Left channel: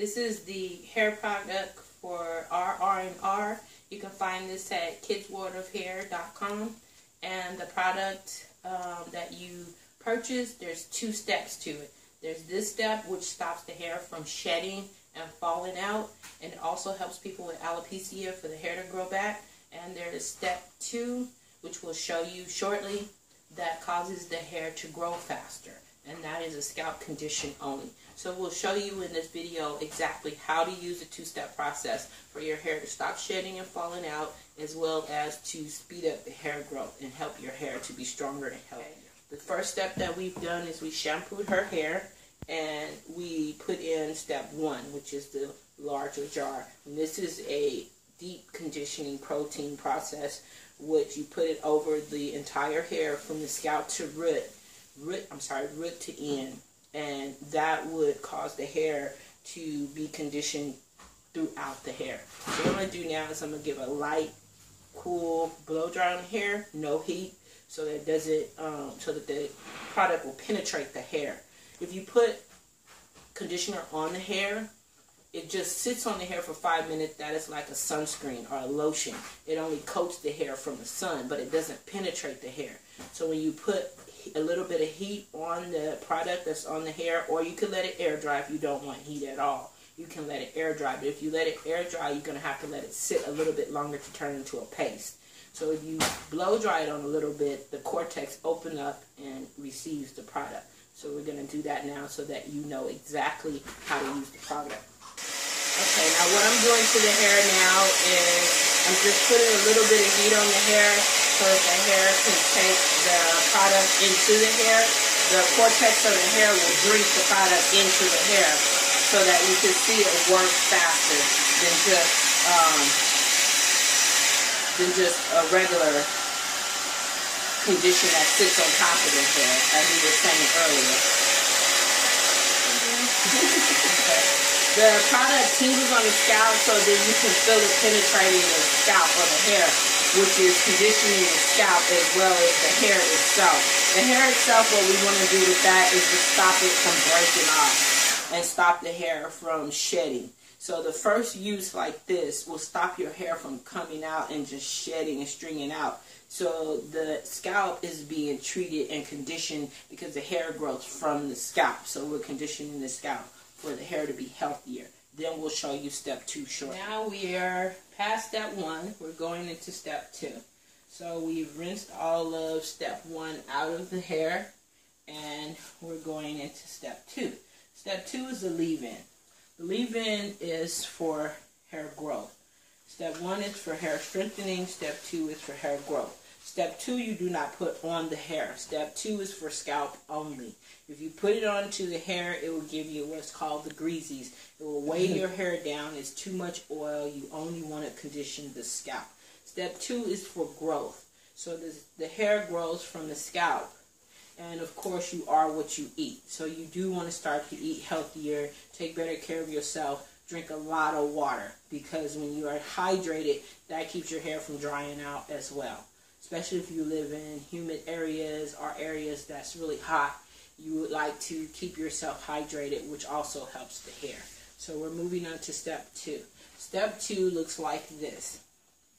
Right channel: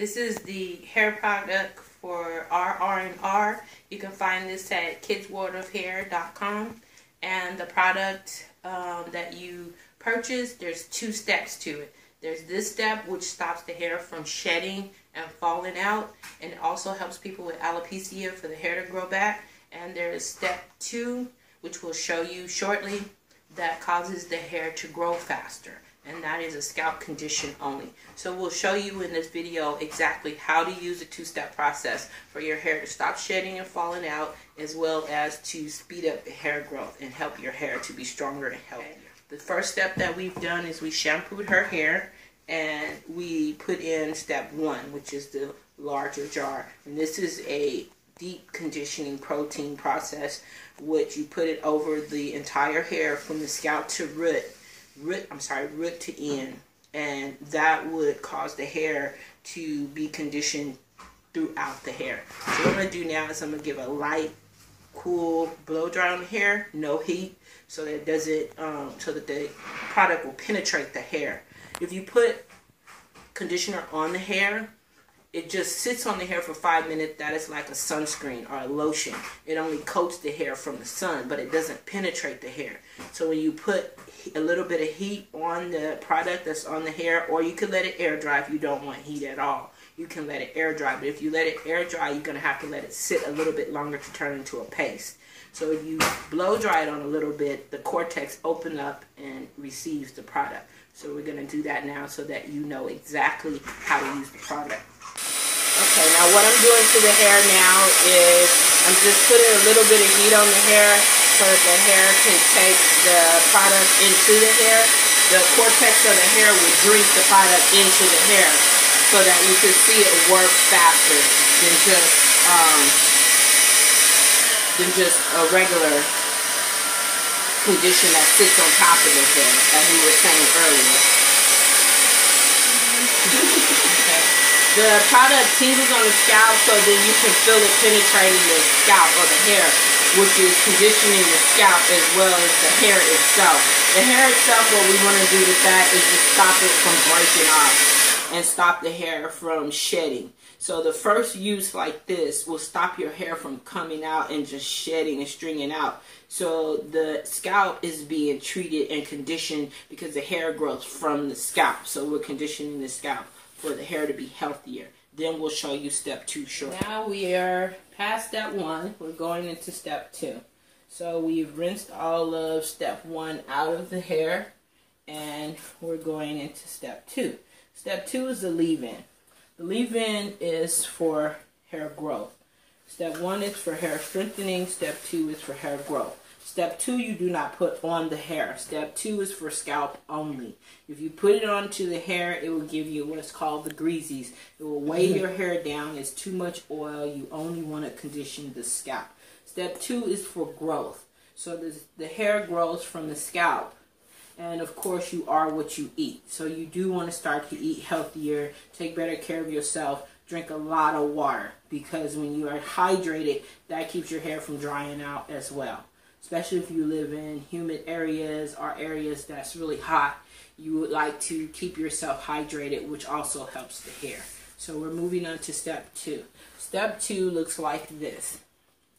This is the hair product for RR&R. You can find this at kidsworldofhair.com. And the product that you purchase, there's 2 steps to it. There's this step, which stops the hair from shedding and falling out, and it also helps people with alopecia for the hair to grow back. And there's step 2, which we'll show you shortly, that causes the hair to grow faster, and that is a scalp condition only. So we'll show you in this video exactly how to use the 2-step process for your hair to stop shedding and falling out, as well as to speed up the hair growth and help your hair to be stronger and healthier. The first step that we've done is we shampooed her hair, and we put in step 1, which is the larger jar. And this is a deep conditioning protein process, which you put it over the entire hair from the scalp to root to end, and that would cause the hair to be conditioned throughout the hair. So what I'm going to do now is I'm going to give a light, cool blow dry on the hair, no heat, so that it doesn't, so that the product will penetrate the hair. If you put conditioner on the hair, it just sits on the hair for 5 minutes. That is like a sunscreen or a lotion. It only coats the hair from the sun, but it doesn't penetrate the hair. So when you put a little bit of heat on the product that's on the hair, or you could let it air dry if you don't want heat at all. You can let it air dry, but if you let it air dry, you're going to have to let it sit a little bit longer to turn into a paste. So if you blow dry it on a little bit, the cortex opens up and receives the product. So we're going to do that now so that you know exactly how to use the product. Okay, now what I'm doing to the hair now is I'm just putting a little bit of heat on the hair so that the hair can take the product into the hair. The cortex of the hair will drink the product into the hair so that you can see it work faster than just a regular condition that sits on top of the hair, as we were saying earlier. Okay. The product tingles on the scalp, so then you can feel it penetrating the scalp or the hair, which is conditioning the scalp as well as the hair itself. The hair itself, what we want to do with that is to stop it from breaking off and stop the hair from shedding. So the first use like this will stop your hair from coming out and just shedding and stringing out. So the scalp is being treated and conditioned because the hair grows from the scalp. So we're conditioning the scalp for the hair to be healthier. Then we'll show you step 2 shortly. Now we are past step 1. We're going into step 2. So we've rinsed all of step 1 out of the hair, and we're going into step 2. Step 2 is the leave-in. The leave-in is for hair growth. Step 1 is for hair strengthening. Step 2 is for hair growth. Step 2 you do not put on the hair. Step 2 is for scalp only. If you put it onto the hair, it will give you what's called the greasies. It will weigh your hair down. It's too much oil. You only want to condition the scalp. Step 2 is for growth. So the hair grows from the scalp. And of course, you are what you eat. So you do want to start to eat healthier, take better care of yourself, drink a lot of water. Because when you are hydrated, that keeps your hair from drying out as well. Especially if you live in humid areas or areas that's really hot. You would like to keep yourself hydrated, which also helps the hair. So we're moving on to step 2. Step 2 looks like this.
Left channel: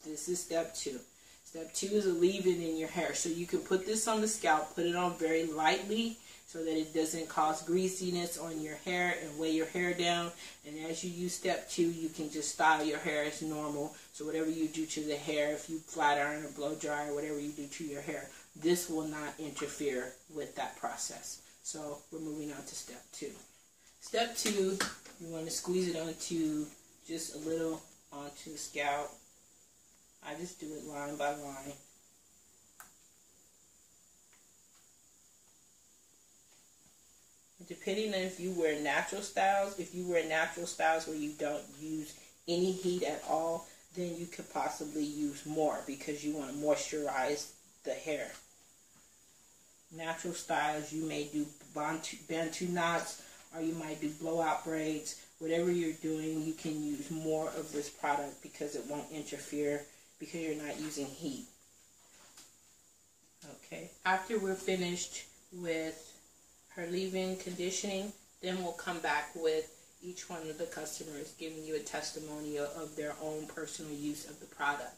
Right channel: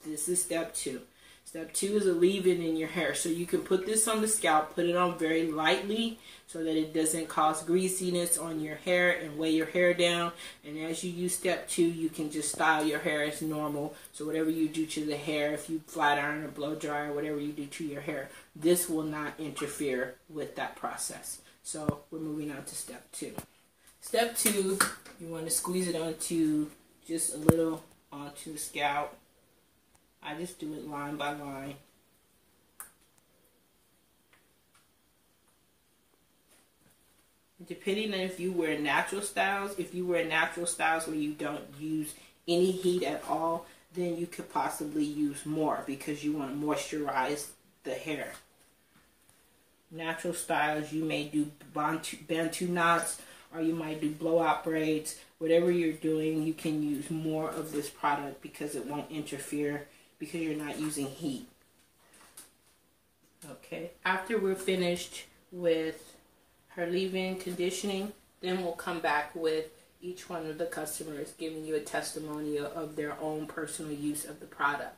This is step 2. Step 2 is a leave-in in your hair. So you can put this on the scalp, put it on very lightly so that it doesn't cause greasiness on your hair and weigh your hair down. And as you use step 2, you can just style your hair as normal. So whatever you do to the hair, if you flat iron or blow dry or whatever you do to your hair, this will not interfere with that process. So we're moving on to step 2. Step 2, you want to squeeze it onto just a little onto the scalp. I just do it line by line. Depending on if you wear natural styles, where you don't use any heat at all, then you could possibly use more because you want to moisturize the hair. Natural styles, you may do Bantu knots, or you might do blowout braids. Whatever you're doing, you can use more of this product because it won't interfere because you're not using heat. Okay, after we're finished with her leave-in conditioning, then we'll come back with each one of the customers giving you a testimonial of their own personal use of the product.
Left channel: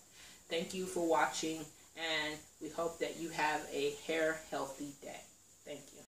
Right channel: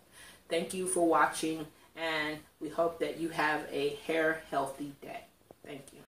Thank you for watching, and we hope that you have a hair healthy day. Thank you.